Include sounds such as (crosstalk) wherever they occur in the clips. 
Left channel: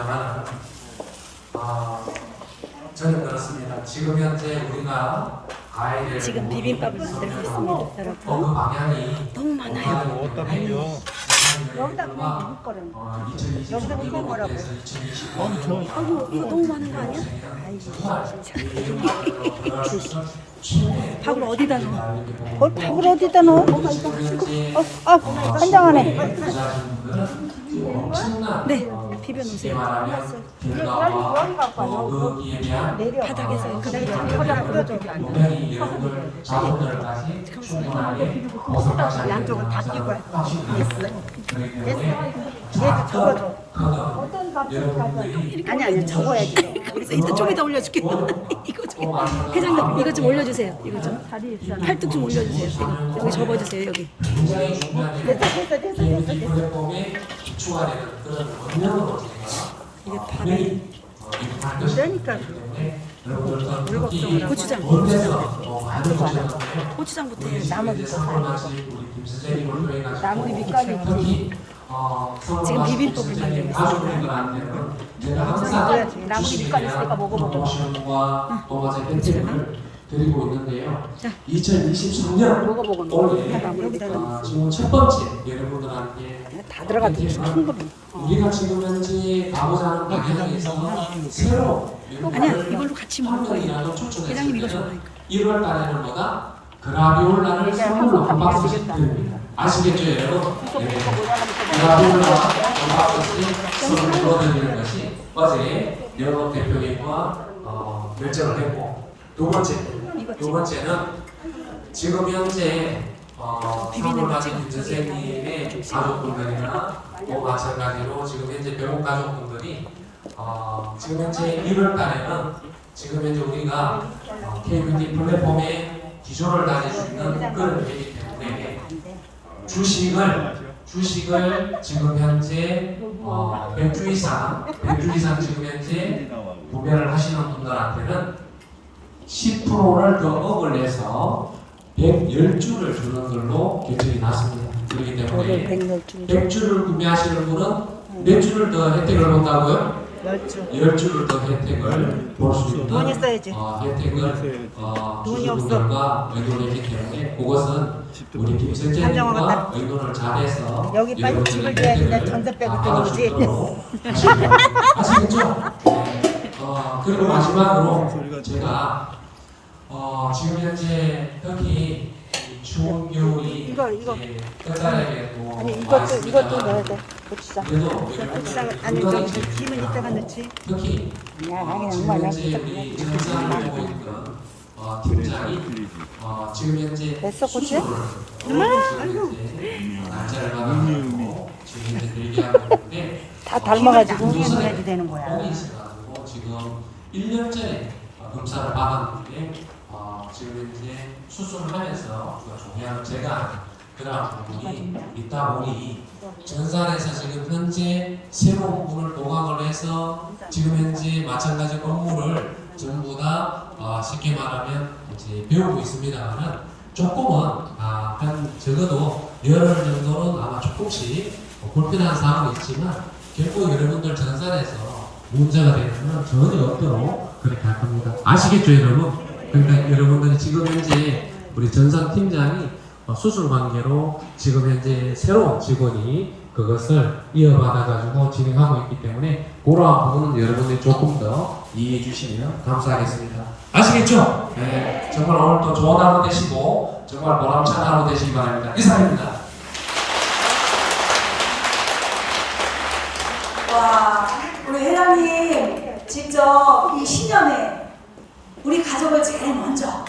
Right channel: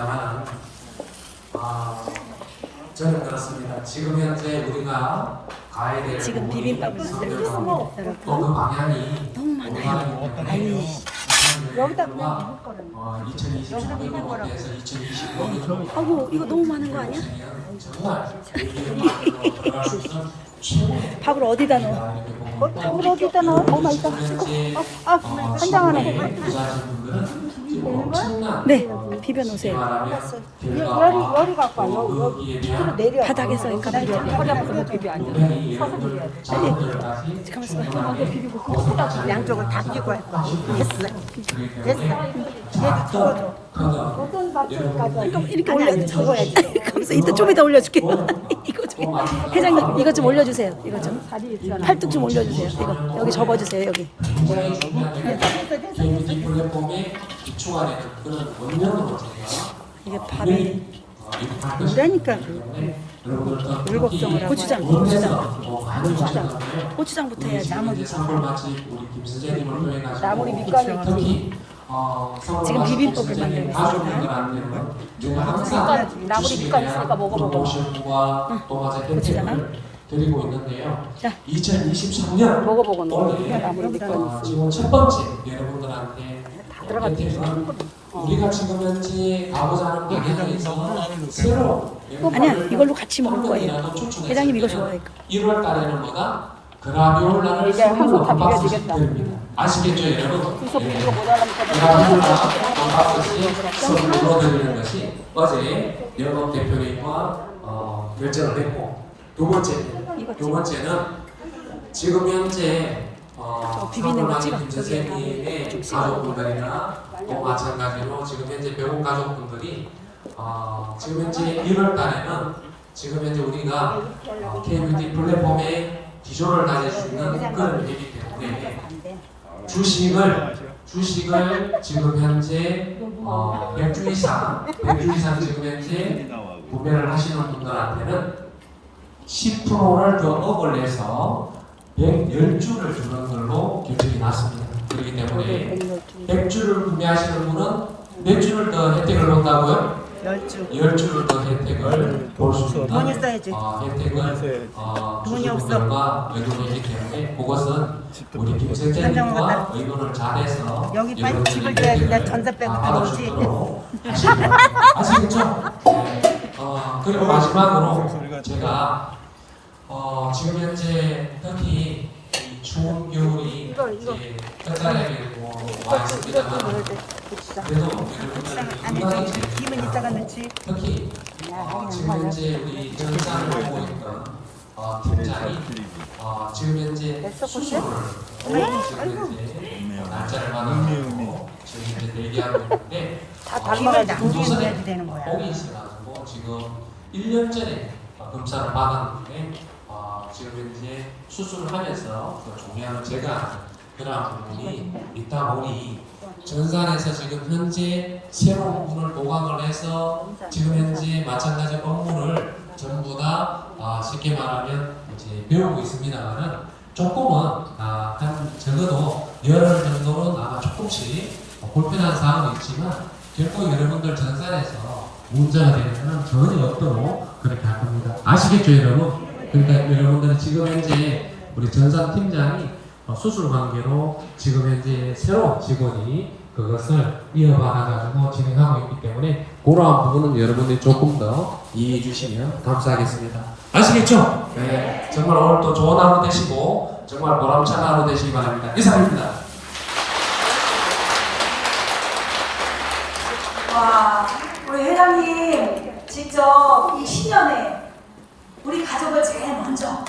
모르겠습니다만 아, 저는 그렇습니다. 지금 현재 우리가 가야 될 지금 비빔밥을 만들고 있습니다, 어, 그 여러분. 방향이 너무 많아요. 비벼? 여기다 그냥 비빌 거라는 어, 2026년부터 2025년 아이고 이거 너무 많은 거 아니야? 최대 밥을 어디다 넣어? 그걸 밥을 어디다 넣어? 어, 아, 한장하네. 네, 비벼 놓으세요. 바닥에서 이거 양쪽을 다 끼고 했어. 얘도 접어줘. 이렇게 아니 아니 접어야지. 그래서 이따 좀 이따 올려줄게. (laughs) 이거 좀 회장님 이거 좀 올려주세요. 이거 좀 팔뚝 좀 올려주세요. 이거 여기 접어주세요. 여기. 이게 밥이 그러니까 고추장, 고추장, 고추장부터 해야지. 나물이 밑간이 지금 비빔밥을 만들고 있습니다. 나물이 밑간 있으니까 먹어보고. 고추장. 드리고 있는데요. 자. 2023년 먹어보고 올해 어, 지금 첫 번째 여러분들한테 다 들어가도 우리가 지금 현재 가고자 하는 방향에서 새로 아니야, 이걸로 같이 먹을 거예요. 회장님 이거 좋아하니까. 1월 달에는 뭐다? 그라비올 날을 이제 선물로 한국 다한 박스씩 비벼지겠다. 아시겠죠 여러분? 예. 그라비올 날한 박스씩 선물로 드리는 것이 어제 영업 대표님과 어, 결정을 했고 두 번째 두 번째는 지금 현재 어, 찍어. 김선생님의 가족분들이나 또 마찬가지로 지금 현재 병원 가족분들이 어, 지금 현재 1월 달에는 지금 현재 우리가 어, KBD 플랫폼에 기조를 가질 수 있는 그런 회기 때문에 주식을 주식을 지금 현재 어, 100주 이상 100주 이상 지금 현재 구매를 하시는 분들한테는 10%를 더 억을 내서 110주를 주는 걸로 결정이 났습니다. 그렇기 때문에 100주를 구매하시는 분은 몇 주를 더 혜택을 본다고요? 열주. 10주를 더 혜택을 볼 수 있는 돈 있어야지. 어, 혜택을 어, 돈이 주주분들과 의논했기 때문에 그것은 우리 김 한정화 선생님과 같다. 의논을 잘해서 여기 빨리 집을 줘야 된다. 전세 빼고 다 들어오지. 알아주도록 아시겠죠? 네. 어, 그리고 마지막으로 제가 어, 지금 현재 특히 이 추운 겨울이 이거, 이거. 이제 아니 와 이거 좀 이거 좀 넣어야 돼. 고추장. 아니 건강이 좀 김은 이따가 넣지. 특히 야, 어, 아니, 지금 우리 전산을 보고 있던 어, 팀장이 어, 지금 현재 됐어, 수술을 엄마, 아이고. 현재 날짜를 받아가지고 지금 현재 얘기하고 있는데 다 닮아야지 안기에 넣어야지 되는 거야. 뽕이 있어가지고 지금 1년 전에 어, 검사를 받았는데 어, 지금 현재 수술을 하면서 그 종양을 제거하는 그런 부분이 있다 보니 전산에서 지금 현재 새로운 분을 보강을 해서 지금 현재 마찬가지 업무를 전부 다 어, 쉽게 말하면 이제 배우고 있습니다만은 조금은 아, 한 적어도 열흘 정도는 아마 조금씩 어, 불편한 사항은 있지만 결코 여러분들 전산에서 문제가 되는 것은 전혀 없도록 그렇게 할 겁니다. 아시겠죠, 여러분? 그러니까 여러분들이 지금 현재 우리 전산 팀장이 어, 수술 관계로 지금 현재 새로운 직원이 그것을 이어받아가지고 진행하고 있기 때문에 그러한 부분은 여러분들이 조금 더 이해해 주시면 감사하겠습니다. 아시겠죠? 네. 정말 오늘 또 좋은 하루 되시고 정말 보람찬 하루 되시기 바랍니다. 이상입니다. 와, 우리 회장님 직접 이 10년에 우리 가족을 제일 먼저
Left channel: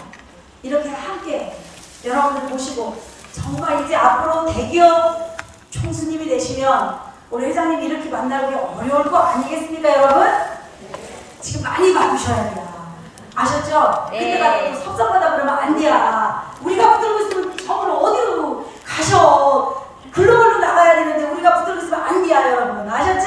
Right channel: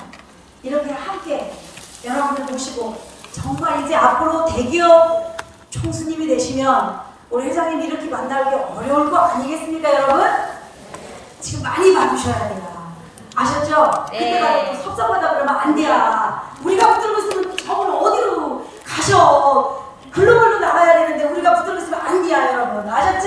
이렇게 함께 여러분들 모시고 정말 이제 앞으로 대기업 총수님이 되시면 우리 회장님 이렇게 만나기 어려울 거 아니겠습니까, 여러분? 지금 많이 봐주셔야 돼요. 아셨죠? 네. 그때 가서 섭섭하다 그러면 안 돼요. 우리가 붙들고 있으면 저를 어디로 가셔? 글로벌로 나가야 되는데 우리가 붙들고 있으면 안 돼요, 여러분. 아셨죠?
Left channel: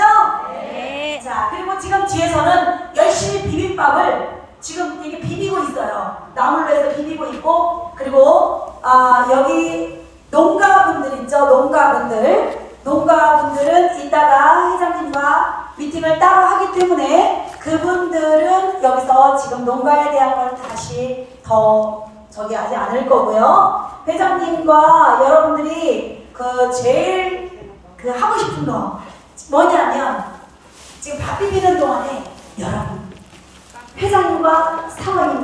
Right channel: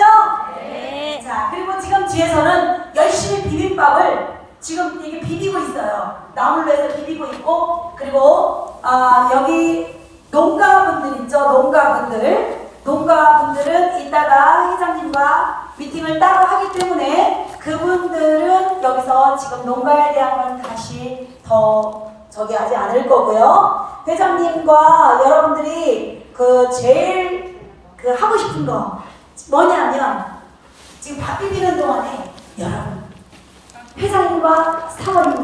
네. 자, 그리고 지금 뒤에서는 열심히 비빔밥을 지금 이게 비비고 있어요. 나물로 해서 비비고 있고, 그리고 아, 여기 농가분들 있죠? 농가분들. 농가분들은 이따가 회장님과 미팅을 따로 하기 그분들은 여기서 지금 농가에 대한 건 다시 더 저기 하지 않을 거고요. 회장님과 여러분들이 그 제일 그 하고 싶은 거 뭐냐면 지금 밥 비비는 동